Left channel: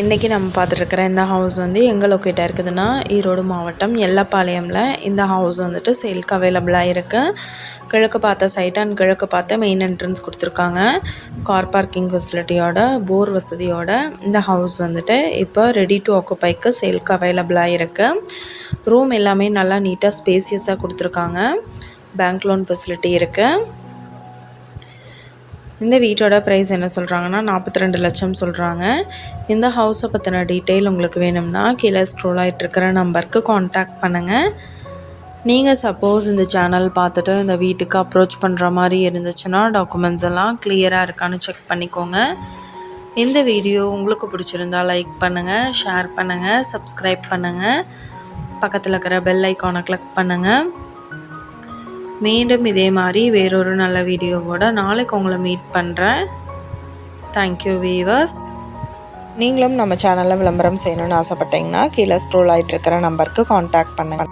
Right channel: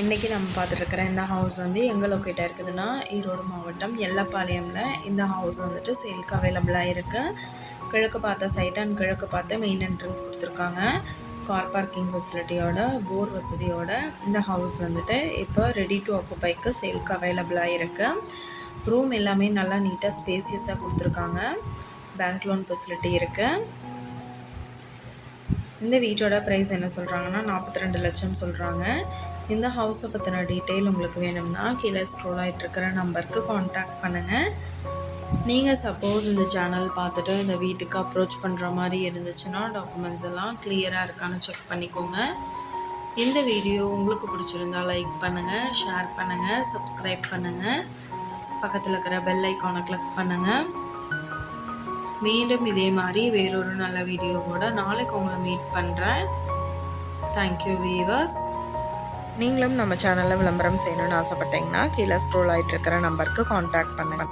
இன்றைக்கி நம்ம பார்த்துட்ருக்குற இந்த ஹவுஸ் வந்து எங்கே லொக்கேட்டாக இருக்குதுன்னா ஈரோடு மாவட்டம் எல்லப்பாளையமில். இந்த ஹவுஸ் வந்துட்டு சேல்க்கு அவைலபிளாக இருக்குது கிழக்கு பார்த்த சைட் அண்ட் கிழக்கு பார்த்த மெயின் என்ட்ரன்ஸ் கொடுத்துருக்காங்க. கார் பார்க்கிங் ஃபெசிலிட்டியோட போர் வசதியோட இந்த ஹவுஸ் வந்துட்டு இப்போ ரெடி டு ஆக்குப்பைக்கு சேல்க்கு அவைலபிளாக இருக்குது ரூம் எல்லாமே நல்லா நீட்டாக ஸ்பேசியஸாக கொடுத்துருக்காங்க. பேங்க் லோன் ஃபெசிலிட்டி இருக்குது இந்த வீட்டோட ப்ரைஸ் என்ன சொல்கிறாங்கன்னா நாற்பத்தி ரெண்டு லட்சம் சொல்கிறாங்க இந்த ஹவுஸை பற்றின டீட்டெயில் உங்களுக்கு வேணும்னா கீழே ஸ்க்ரோல் ஆகிட்டுருக்கிற நம்பருக்கு காண்டாக்ட் பண்ணுங்கள் நீங்கள் சப்போஸ் இந்த சேனல் பார்த்துட்டு இந்த வீட்டுக்கு அப்ரோச் பண்ணுற மாதிரி இருந்துச்சுன்னா டாக்குமெண்ட்ஸ் எல்லாம் கிளியராக இருக்கான்னு செக் பண்ணிக்கோங்க. இந்த வீடியோ உங்களுக்கு பிடிச்சிருந்தா லைக் பண்ணுங்கள் ஷேர் பண்ணுங்கள் சப்ஸ்கிரைப் பண்ணுங்கள் பக்கத்தில் இருக்கிற பெல் ஐக்கானை கிளிக் பண்ணுங்கள் மீண்டும் இதே மாதிரி வேறொரு நல்ல வீடியோவோட நாளைக்கு உங்களை மீட் பண்ணுறேன் தேங்க்யூ வீவர்ஸ் நீங்களும் நம்ம சேனலில் விளம்பரம் செய்யணும்னு ஆசைப்பட்டீங்கன்னா கீழே ஸ்க்ரோல் ஆகிட்டு இருக்கிற நம்பருக்கு காண்டாக்ட் பண்ணுங்கள்